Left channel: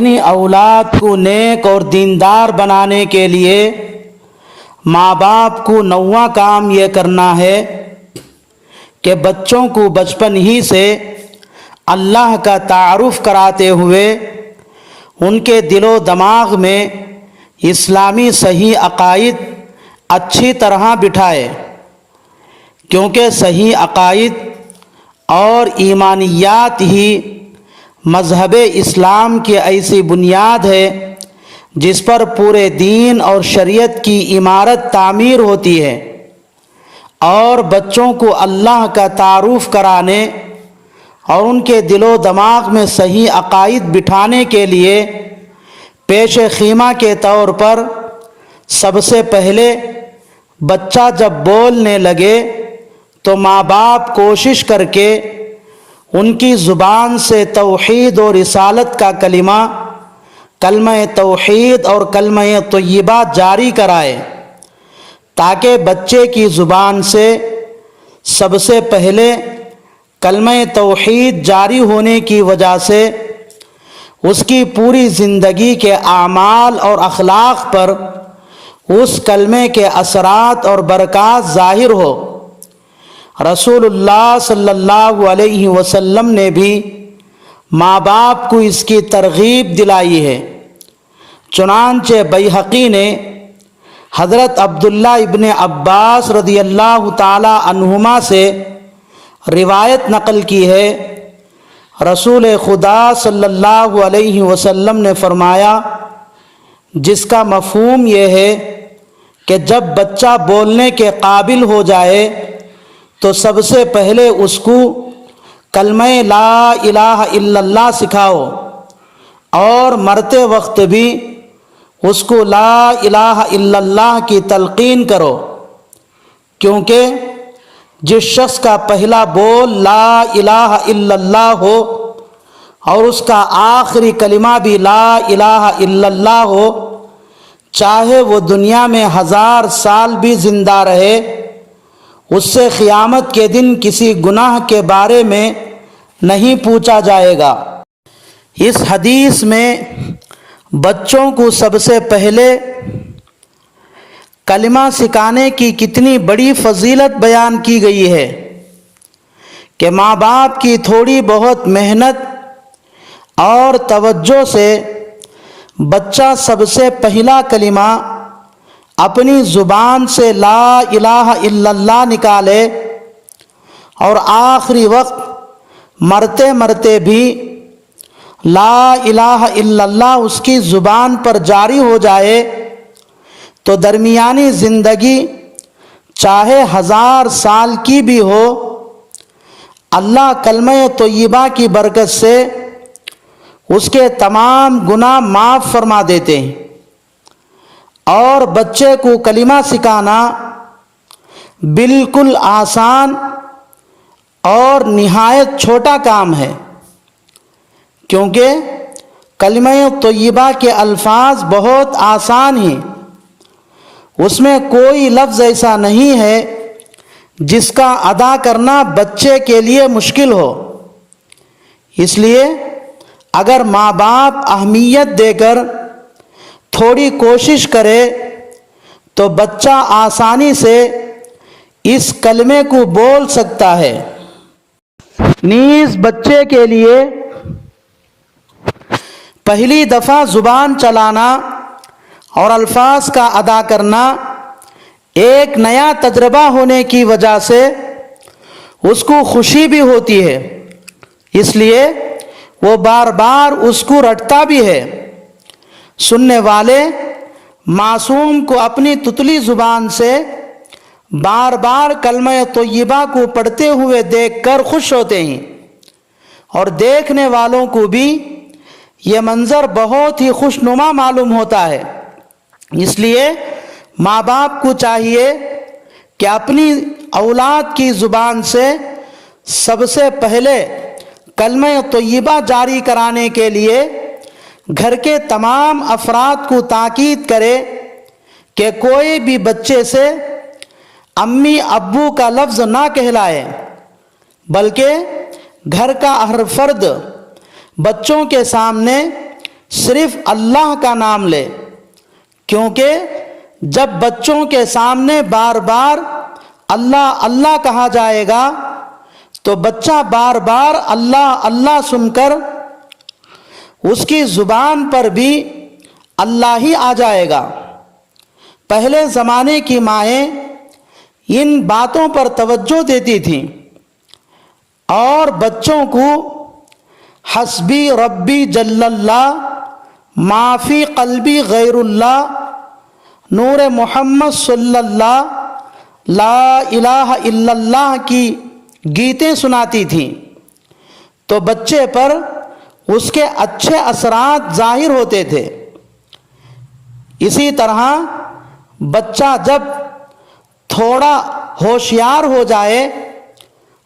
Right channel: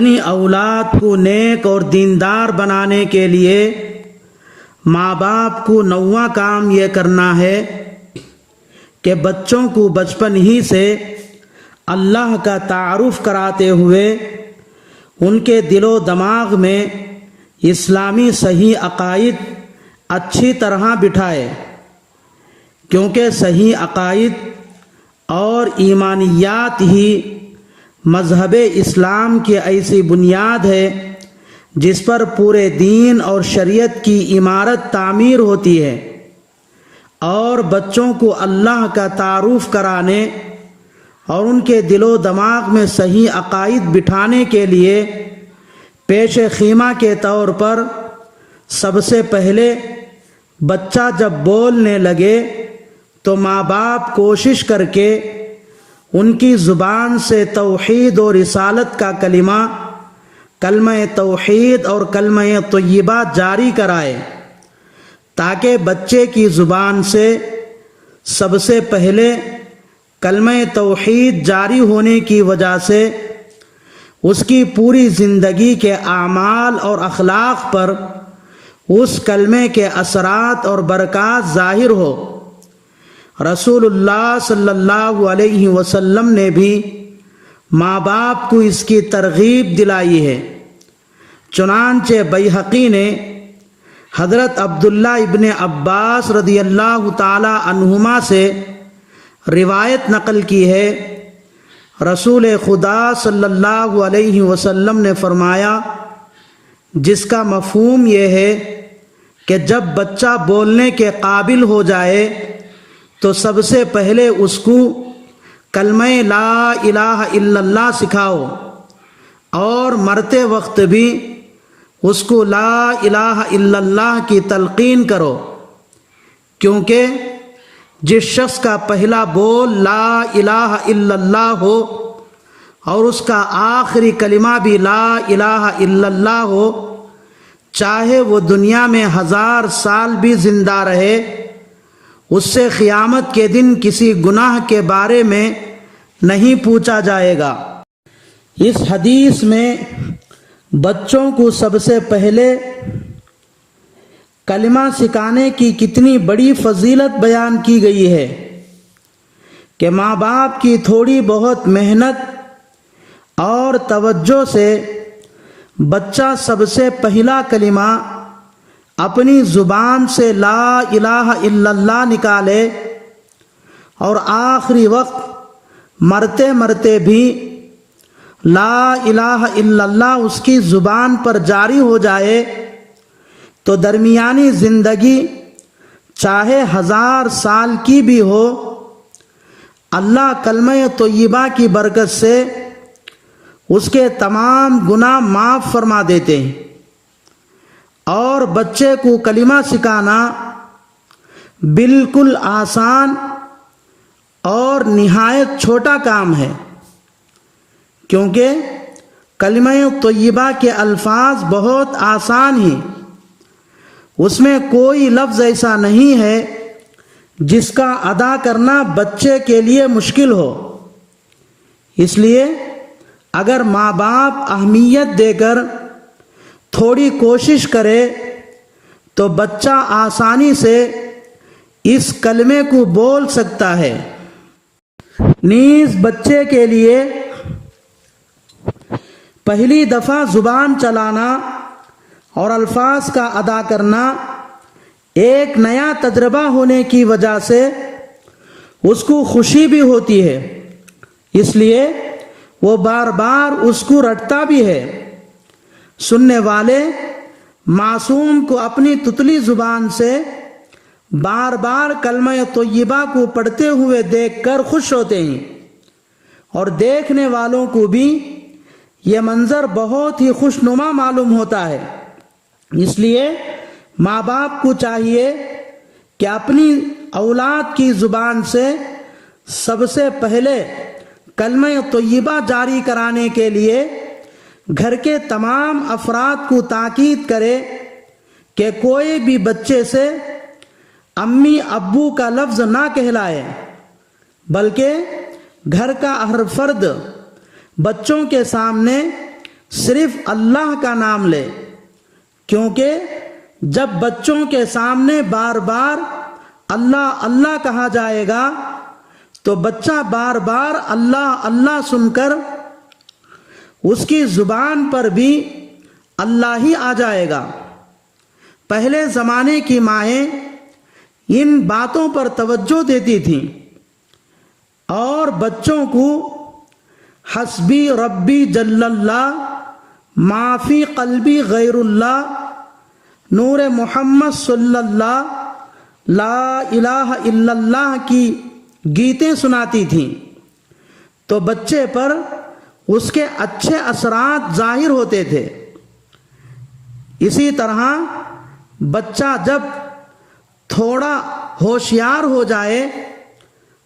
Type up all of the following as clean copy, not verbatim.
اپنی اولاد کو نیک اور دیندار بنانے کے لیے ماں باپ کو نواں کام یہ کرنا ہے کہ بچوں کو بچپن ہی سے اللہ کا تعارف کراتے ہوئے ان کے دل و دماغ میں اسلامی صحیح عقائد اچھی طرح بٹھائے، کیونکہ صحیح عقائد اور ایمانیات ہی مذہب اسلام کی ایسی بنیاد ہے جس پر پورے دین اور شریعت کی عمارت تعمیر ہوتی ہے۔ اور بچوں کو اللہ کا تعارف کرانے اور ان کے دل و دماغ میں صحیح عقائد بٹھانے کے لیے پیش خیمہ کے طور پر سب سے پہلے بچہ جب بولنے لگے تو ماں باپ کوشش کر کے ان کی زبان سے توحید اور رسالت کا کلمہ توحید اور کلمہ طیبہ جاری کرائے، تاکہ بچے کی زبان سے سب سے پہلے کلمہ توحید جاری ہونے کی وجہ سے اس کی پوری زندگی کے اعمال اور اخلاق پر اس کلمے کے اثرات اور برکات ظاہر ہو۔ رسول اللہ صلی اللہ علیہ وسلم نے بھی ماں باپ کو اس کی ترغیب دلائی ہے۔ چنانچہ بیہقی نے حضرت عبداللہ ابن عباس رضی اللہ تعالی عنہما سے روایت نقل کی ہے، رسول خدا صلی اللہ علیہ وسلم نے فرمایا، جس کا مفہوم یہ ہے کہ جب بچہ بولنے کے قابل ہو جائے تو سب سے پہلے اس کو کلمہ لا الہ الا اللہ سکھاؤ، اور مرتے وقت بھی اس کو لا الہ الا اللہ کی تلقین کرو، کیونکہ جس شخص کا پہلا بول لا الہ الا اللہ ہو اور اس کا آخری کلمہ بھی لا الہ الا اللہ ہو، چاہے وہ دنیا میں 1000 سال بھی زندہ رہے، اس سے قیامت کے دن کسی گناہ کے بارے میں نہیں پوچھا جائے گا۔ اس حدیث میں بچوں کو سب سے پہلے کلمہ سکھانے کی کتنی بڑی فضیلت بیان کی گئی ہے کہ ماں باپ کی تھوڑی بہت محنت اور توجہ سے بچہ سب سے پہلا کلمہ اپنی زبان سے لا الہ الا اللہ نکالے اور آخری وقت مرتے مرتے بھی لا الہ الا اللہ اس کی زبان پر جاری ہو جائے، تو درمیانی زندگی چاہے 1000 سال کی بھی ہو، اللہ کلمہ طیبہ کی برکت سے اس کے تمام گناہ معاف فرما دیتے ہیں۔ اور بچے کو کلمہ سکھانا بالکل آسان اور نہایت چھوٹا کام ہے، کیونکہ کلمہ طیبہ کے الفاظ بہت آسان ہیں، اس میں کوئی لفظ ایسا نہیں ہے جس کا ادا کرنا بچے کے لیے مشکل ہو۔ اس لیے اگر ماں باپ اہمیت دے کر تھوڑی کوشش کرے تو بچہ آسانی سے اس کلمے کو بول سکتا ہے۔ نیز بچے کے لیے پہلی دفعہ زبان چلانا اور الفاظ کا ادا کرنا ایک نیا تجربہ ہونے کی وجہ سے اس کو خوشی بھی ہوتی ہے، اس لیے وہ بار بار اس کو رٹتا بھی ہے۔ سننے والے معصوم کو اپنی تتلی زبان سے بار بار کلمہ طیبہ کو پڑھتے ہوئے دیکھ کر خوش ہوتے ہیں، اور دیکھنے والوں کو بھی یہ منظر بہت ہی خوشنما معلوم ہوتا ہے۔ اس لیے ماں باپ کو چاہیے کہ اپنی اولاد کی زبان سے سب سے پہلے کلمہ طیبہ جاری کرانے کے لیے گھر کے تمام افراد کو تاکید کرے کہ کوئی بھی بچے سے امی ابو کا لفظ نہ کہلائے، بلکہ گھر کا ہر فرد بچوں کے سامنے صرف اللہ کا نام لے، کیونکہ جب بچوں کے سامنے بار بار اللہ اللہ کہا جائے گا تو بچہ بار بار اللہ اللہ سن کر اس کی زبان پر بھی اللہ ہی آ جائے گا۔ پہلے زمانے کی مائیں ان باتوں پر توجہ دیتی تھیں اور بچوں کو حسبی ربی جل اللہ، ما فی قلبی غیر اللہ، نور محمد صلی اللہ، لا الہ الا اللہ کی گیتیں سناتی تھیں، تو بچے پر اس کے اچھے اثرات ظاہر ہوتے تھے۔ اسی طرح بچہ جب تھوڑا ہوشیار ہو جائے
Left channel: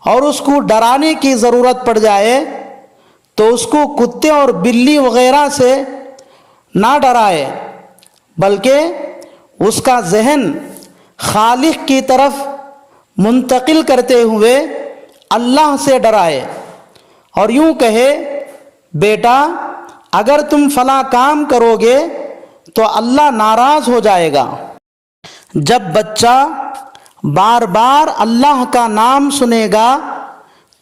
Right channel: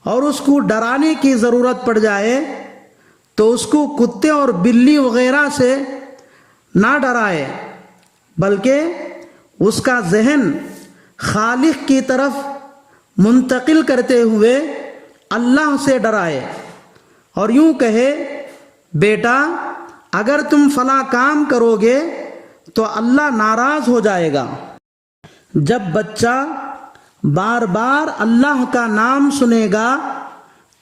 اور اس کو ڈرانے کی ضرورت پڑ جائے تو اس کو کتے اور بلی وغیرہ سے نہ ڈرائے، بلکہ اس کا ذہن خالق کی طرف منتقل کرتے ہوئے اللہ سے ڈرائے اور یوں کہے، بیٹا اگر تم فلاں کام کرو گے تو اللہ ناراض ہو جائے گا۔ جب بچہ بار بار اللہ کا نام سنے گا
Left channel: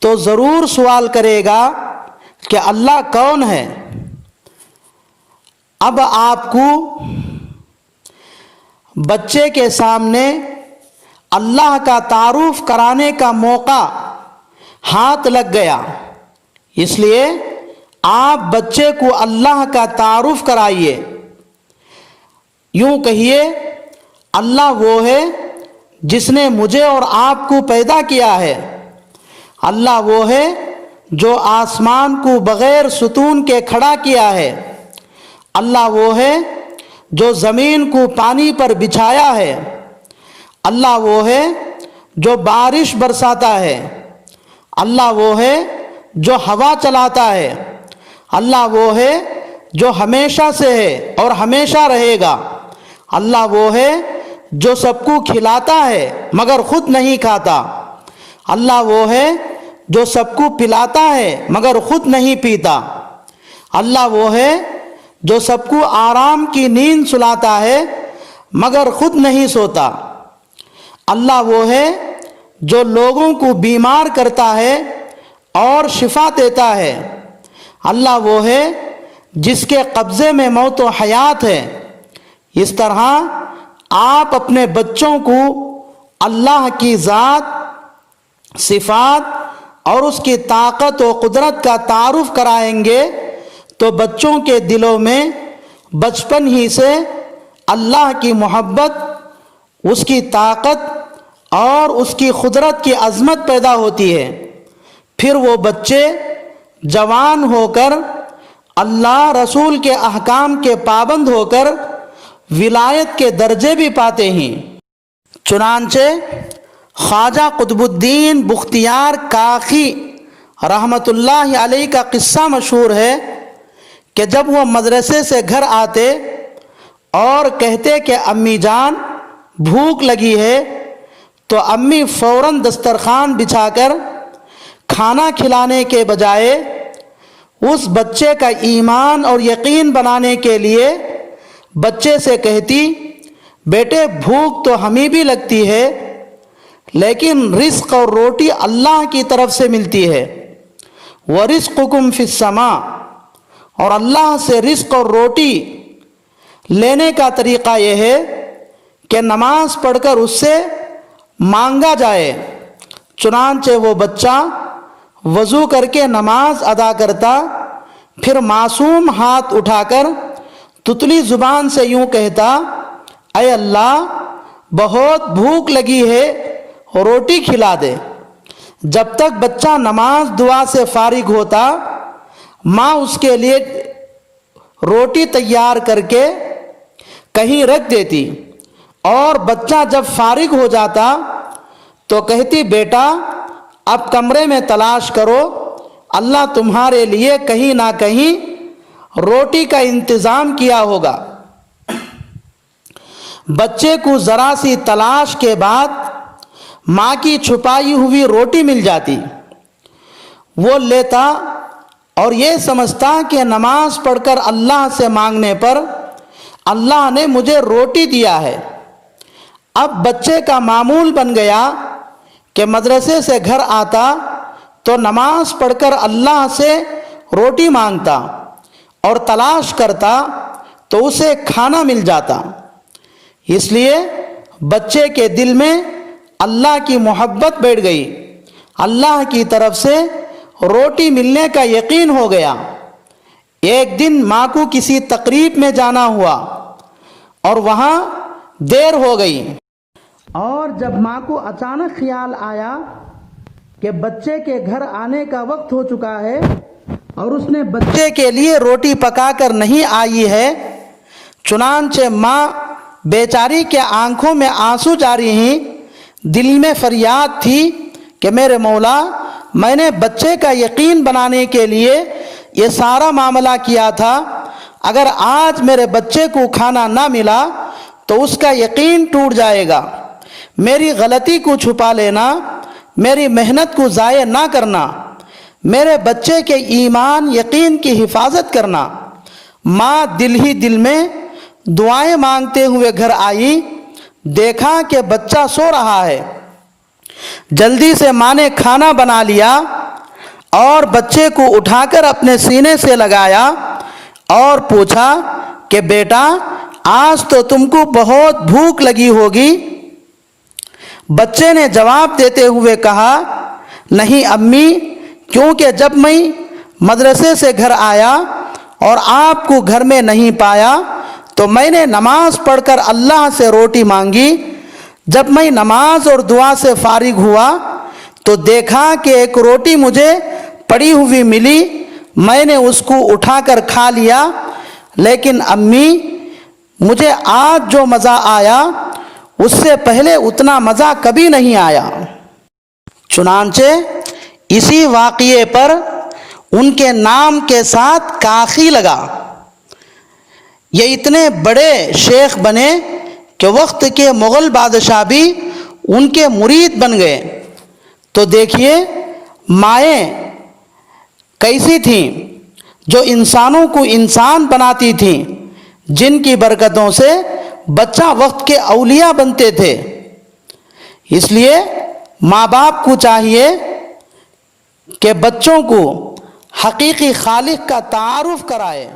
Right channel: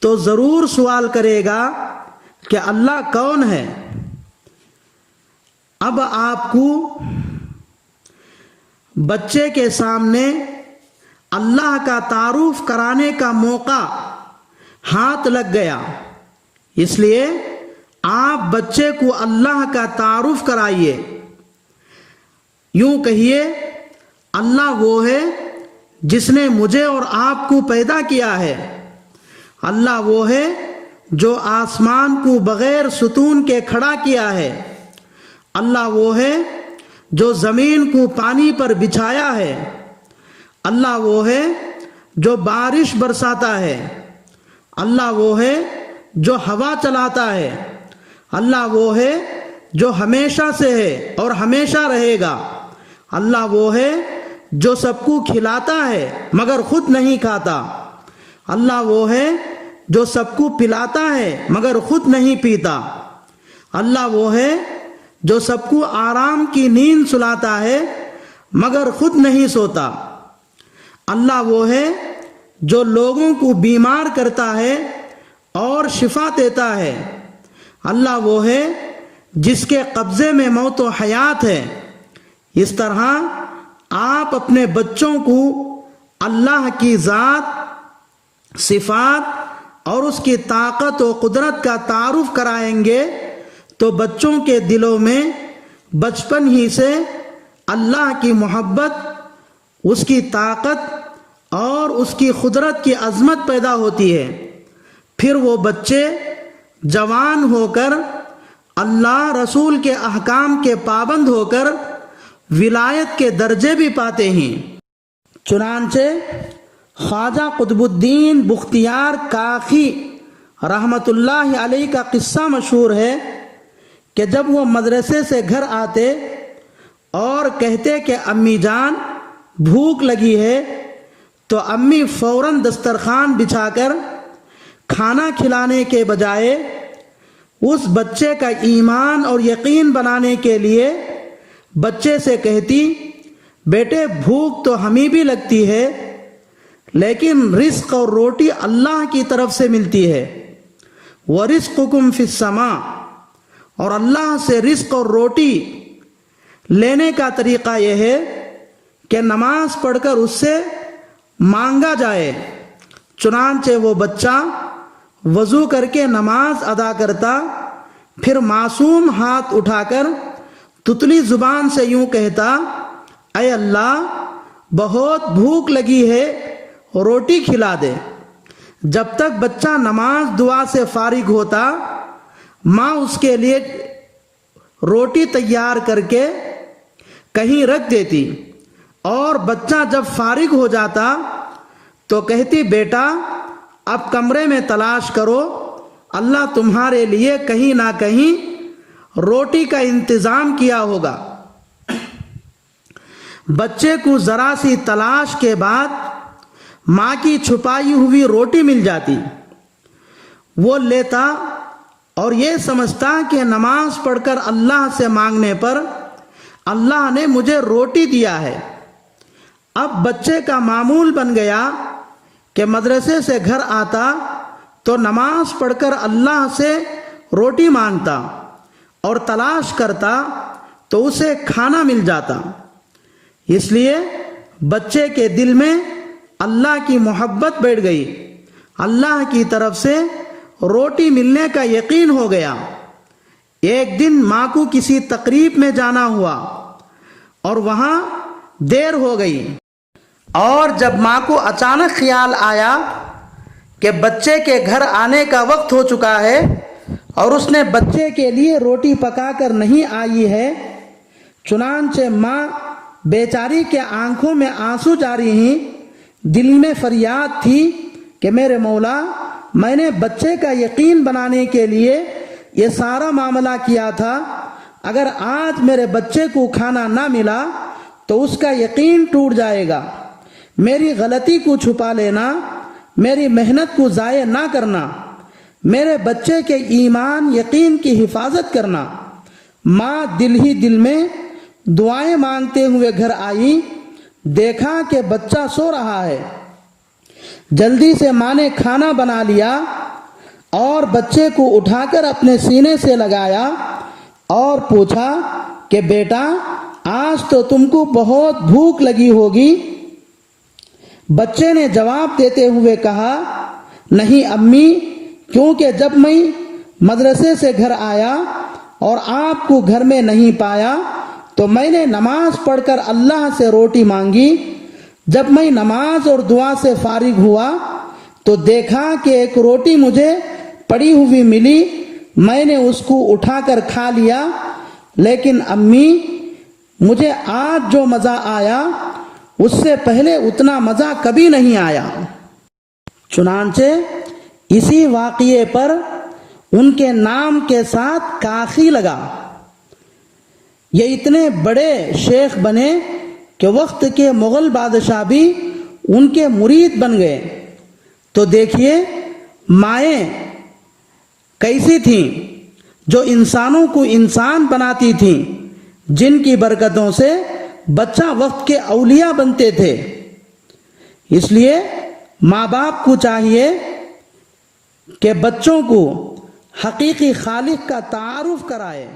تو ضرور سوال کرے گا کہ اللہ کون ہے۔ اب آپ کو بچے کے سامنے اللہ کا تعارف کرانے کا موقع ہاتھ لگ گیا، اس لیے آپ بچے کو اللہ کا تعارف کرائیے۔ یوں کہیے، اللہ وہ ہے جس نے مجھے اور آپ کو پیدا کیا ہے، اللہ وہ ہے جو آسمان کو بغیر ستون کے کھڑا کیا ہے، اللہ وہ ہے جو زمین کو پانی پر بچھایا ہے، اللہ وہ ہے جو بارش برساتا ہے، اللہ وہ ہے جو ہوا چلاتا ہے، اللہ وہ ہے جو ہمیشہ سے ہے اور ہمیشہ رہے گا، اللہ وہ ہے جو سب کو کھلاتا ہے مگر خود نہیں کھاتا، اللہ وہ ہے جو سب کو پلاتا ہے مگر خود نہیں پیتا، اللہ وہ ہے جو سب کو آرام کی نیند سلاتا ہے مگر خود نہیں سوتا، اللہ وہ ہے جو لوگوں کو بیمار کرتا ہے اور شفا دیتا ہے، اللہ وہ ہے جس کے قبضے میں موت و حیات ہے۔ اس طرح آپ اپنے بچوں کو اللہ کی ذات، صفات اور اس کی طاقت و قدرت کا تعارف کرائیں گے تو بچوں کے دلوں میں بچپن ہی سے اللہ کی محبت، اس کی طاقت اور اس کی قدرت کی عظمت پیدا ہوتی ہے۔ پھر وہ بچے جوان ہو کر اللہ رسول کے احکام کے پابند ہو کر ولایت کے درجے بھی پاتے ہیں۔ چنانچہ خواجہ قطب الدین بختیار کاکی رحمۃ اللہ علیہ کا قصہ مشہور ہے کہ جب وہ مدرسے سے گھر آتے اور کہتے کہ امی جان بھوک لگی ہے تو امی فوراً دسترخوان بچھا کر کھانا کھلانے کے بجائے اس بچے کا ایمان اور یقین بنانے کے لیے بچے سے کہتی، بیٹے بھوک تو ہمیں بھی لگتی ہے لیکن رزق اور روٹی اللہ کی طرف سے ملتی ہے، وَرِزْقُكُمْ فِي السَّمَاءِ، اور اللہ سے رزق اور روٹی لینے کا طریقہ یہ ہے کہ نماز پڑھ کر اس سے مانگا جائے۔ چنانچہ وہ بچہ وضو کر کے نماز ادا کرتا، پھر معصوم ہاتھ اٹھا کر تتلی زبان سے یوں کہتا، اے اللہ بہت بھوک لگی ہے روٹی کھلا دے۔ جب تک بچہ نماز دعا سے فارغ ہوتا ماں اس کے لیے روٹی تیار کر کے کہیں رکھ دیتی اور بچہ جب فارغ ہو جاتا تو کہتی، بیٹا اب کمرے میں تلاش کرو، اللہ تمہارے لیے کہیں نہ کہیں روٹی کا انتظام کیا ہوگا۔ بچے کو ذرا سی تلاش کے بعد ماں کی چھپائی ہوئی روٹی مل جاتی، وہ لیتا اور یہ سمجھتا کہ نماز پڑھ کر اللہ سے مانگنے پر اللہ نے مجھے روٹی دیا ہے۔ اب بچے کا معمول بن گیا کہ مدرسے سے گھر آتا تو نماز پڑھ کر اللہ سے روٹی مانگتا اور تلاش کرتا تو اسے کھانا مل جاتا۔ اس لیے بچے کے دل میں اللہ کی محبت بیٹھ گئی، اللہ کی طرف سے روٹی ملنے کا یقین ہو گیا۔ ایک دن ماں کو کسی تقریب میں جانا ہوا اور وہاں دیر ہو گئی، اور جب ماں کو اچانک خیال آیا کہ بچے کے گھر آنے کا وقت ہو چکا ہے اور اس نے بچے کے لیے روٹی پکا کر نہیں آئی ہے، چنانچہ ماں بیچاری کے آنکھوں میں آنسو جاری ہیں، دل میں فریاد تھی کہ میرے مولا، میں نے بچے کا یقین بنانے کے لیے یہ سارا معاملہ کیا تھا، اگر آج میرے بچے کو کھانا نہ ملا تو اس کا یقین ٹوٹ جائے گا۔ میری غلطی کو چھپا لینا، میری محنت کو ضائع نہ کرنا، میرے بچے کے ایمان یقین کی حفاظت کرنا۔ ماں دل ہی دل میں دعائیں مانگتے ہوئے گھر آئی، دیکھا کہ بچہ سو رہا ہے۔ جلدی سے ماں نے کھانا بنا لیا اور بچے کو اٹھا کر اپنے سینے سے لگایا اور پوچھا کہ بیٹا، آج تو تم کو بہت بھوک لگی ہوگی۔ بچے نے جواب دیتے ہوئے کہا، نہیں امی، کیونکہ جب میں مدرسے سے گھر آیا اور آپ کو گھر میں نہیں پایا تو میں نے نماز پڑھ کر اللہ سے روٹی مانگی۔ جب میں نماز اور دعا سے فارغ ہوا تو دیکھا کہ ایک روٹی مجھے پڑی ہوئی ملی، میں نے اس کو اٹھا کر کھا لیا، لیکن امی، مجھے آج جو مزہ آیا اس سے پہلے اتنا مزہ کبھی نہیں آیا۔ چنانچہ اسی واقعے پر ان کے نام کے ساتھ کاخی لگا۔ یہ اتنے بڑے شیخ بنے کہ وقت کے مغل بادشاہ بھی ان کے مرید بن گئے۔ تو دیکھیے مائیں کیسی تھیں جو انسانوں کو انسان بناتی تھیں، جن کی برکتوں سے بچہ وقت کے اولیاء بنتے تھے۔ اس لیے ماں باپ کو چاہیے کہ بچوں کو حقیقی خالق کا تعارف کرائے۔